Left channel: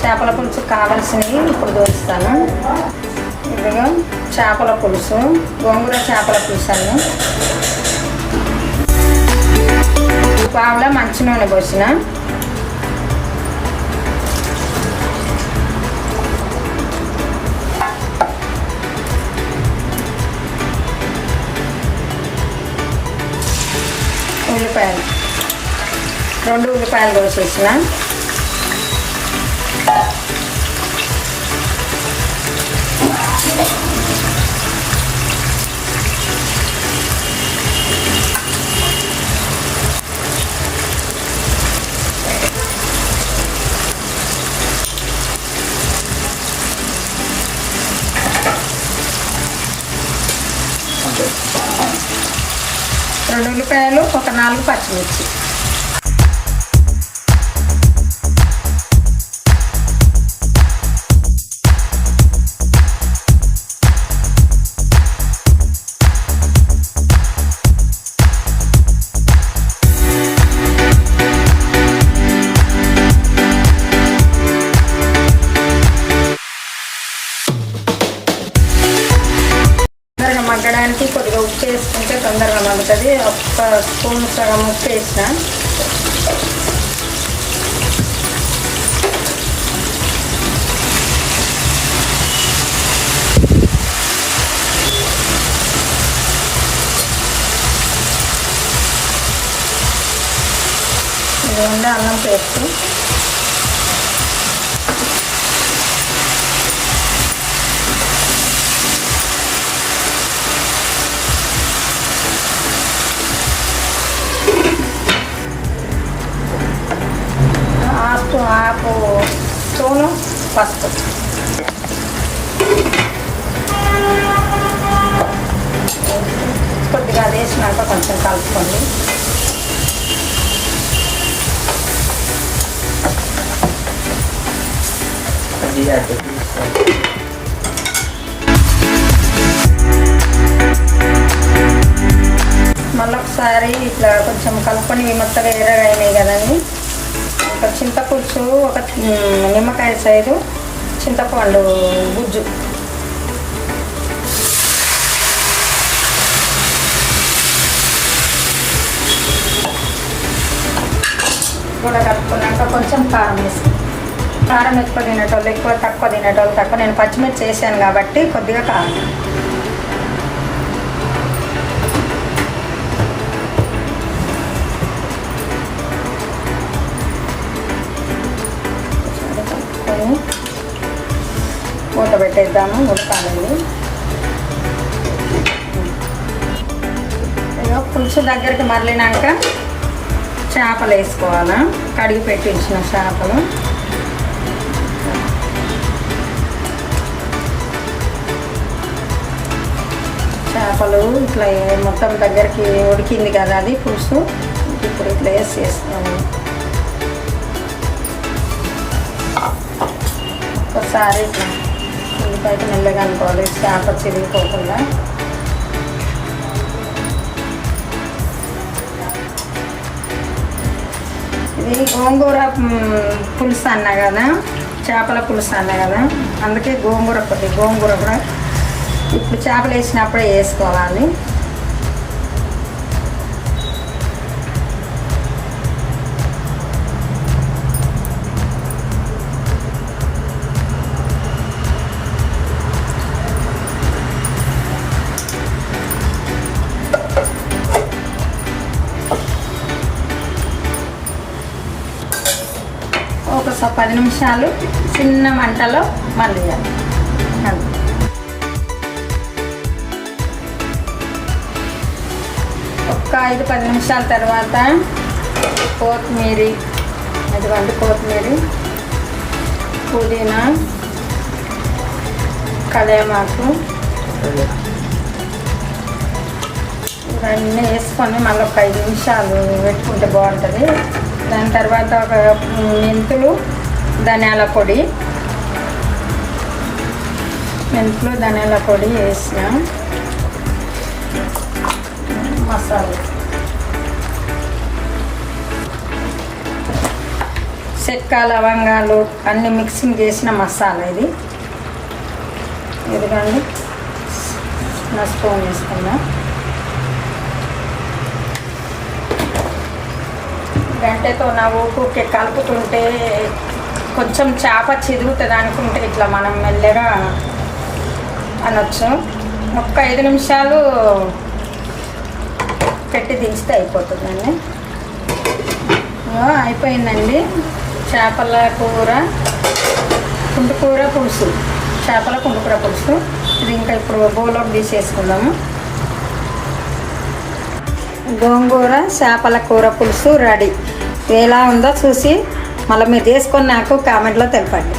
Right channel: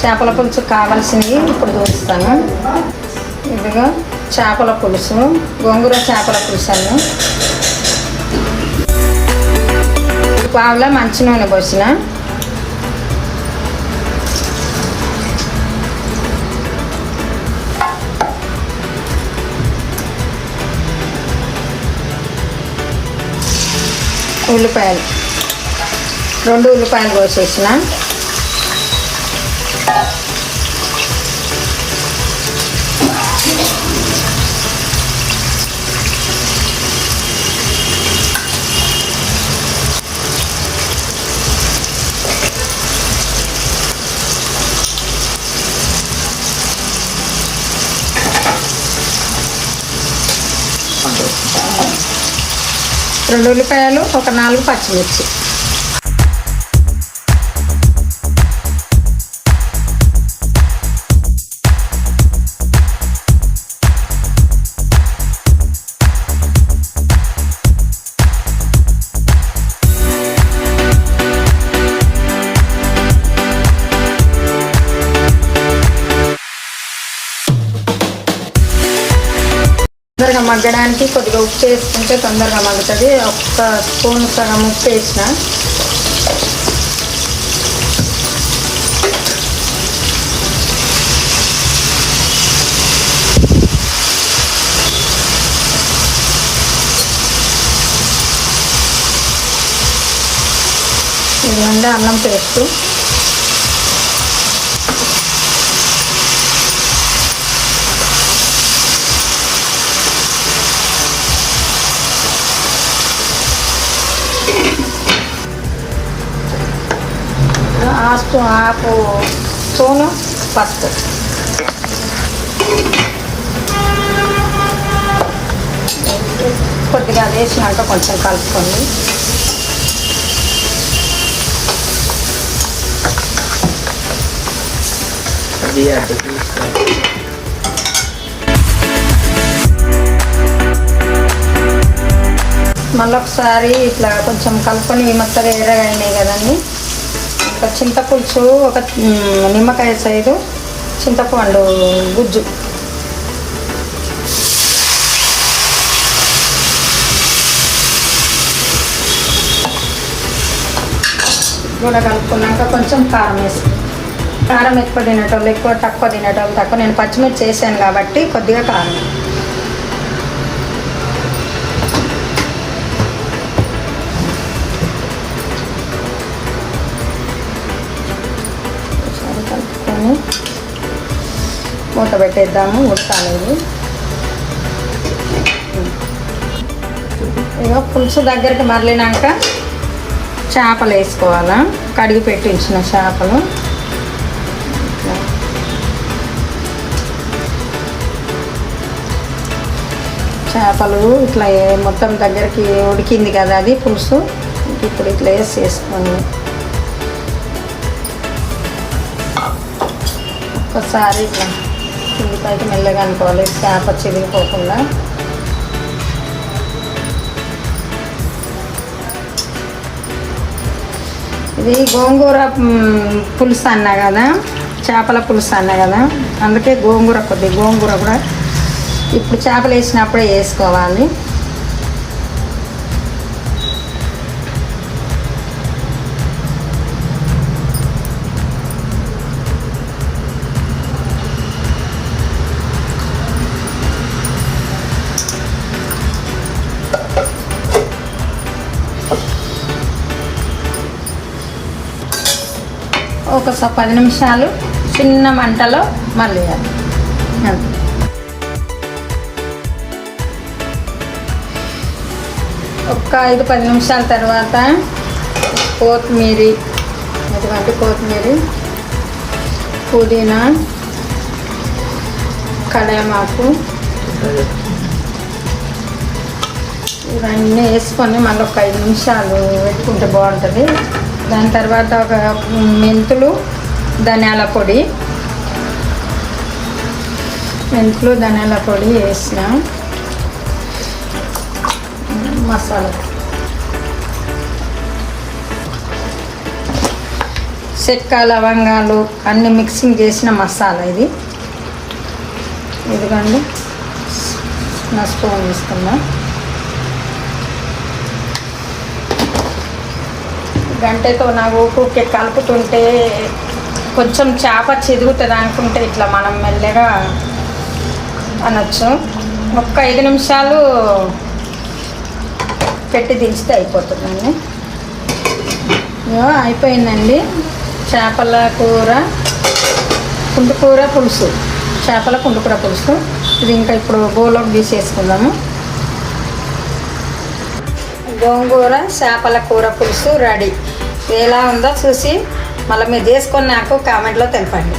చేపల పులుసు కావాల్సినవి ఇప్పుడు చూపిస్తాను. ఇదిగో చేపల పులుసు, గోంగూర చేపల పులుసు అని పావులా మంచి నూనె పోసిన, ఉల్లిపాయలు 2 ఉల్లిపాయలు కోసేసిన, రెండు ఉల్లిపాయలు, ఒక 4 పచ్చిమిర్చి. తొందరగా మగ్గడానికి కొద్దిగా ఉప్పు వేసుకుంటే తొందరగా మగ్గుతుంది. 1 స్పూన్ సగం ఉప్పు వేసిన, ఇదిగోండి అల్లం పేస్ట్, హాఫ్ స్పూను పసుపు, కొద్దిగా అది వేసినాక కొంచెం కలుపుకోండి. మళ్ళీ ఒకసారి ఇట్లా కొంచెం కలుపుకొని మెత్తగా ఎర్రగా అయినాయి కదండి. ఒక చింతపులుసు, ఒక నిమ్మకాయ సైజు చింతపండు గుజ్జు, కూడా కలుపుకున్నాక కొంచెం కారం వేస్తాం. కారం ఎక్కువ తినేటోళ్ళు ఎక్కువ, తక్కువ తినేటోళ్ళు తక్కువ. నేను పచ్చిమిర్చి చేశాను కాబట్టి కొద్దిగా కారం. మూత పెట్టేద్దాము, ఉడకాలేదు. ఇక పులుసు దగ్గరికి మరలినాక చేపలు వేసుకోవాలా, కడిగి పెట్టించిన చేపలు. చేపలు ఇట్లా మొత్తం దగ్గరికి ఉడికింది కదా అది పులుసు. ఇప్పుడు ఇట్లా వేసుకోండి. ఒకసారి ఇట్లా ఉల్లిపాయకి మెల్లగా అనుకోవాలి, చేప చిరిగిపోకుండా. ఇది గోంగూర పులుసు అన్నా కదా, చేపల పులుసు అన్నా కదా, అందుకే గోంగూర కూడా ఇప్పుడు చేపలు వేసినప్పుడే వేసుకోవాలి. ఒక 10 నిమిషాలు చిన్న మంటలో మళ్ళీ ఒక 5-10 నిమిషాల తర్వాత కొత్తిమీర, పుదీనా, కళేమాకు ఇవన్నీ వేసుకొని మళ్ళీ ఒక 5 నిమిషాలు పెట్టుకుంటే బాగుంటుంది. దాని తర్వాత ఒక మెంతులు, ధనియాల పొడి వేసిన మసాలా చెక్క లవంగాలు అన్నీ మిక్సింగ్ చేసిన మసాలా ఇది. ఇదిగండి స్పూన్ వేసుకున్నా. గంటెతో నా ఊపికే కలుపుతుంటే కొంచెం చేప చెదుగుతుంది అనుకుంటే ఇట్లా మనం మెల్లగా అనొచ్చు. ఒక్క 5 నిమిషాలు పెట్టి దించితే అయిపోతుందండి. అయిపోయిందండి చేపల కూర, కుంటుకూర పులుసు, చేపల కుంటుకూర పులుసు. ఇది ఇంకా ఇప్పుడు బౌల్లోకి తీసేసుకుందాము. గోంగూర చేపల కూర పులుసు రెడీ. ఎలా ఉందో చూసి మళ్ళీ మీరు చేసుకొని నాకు కామెంట్లో తెలపండి.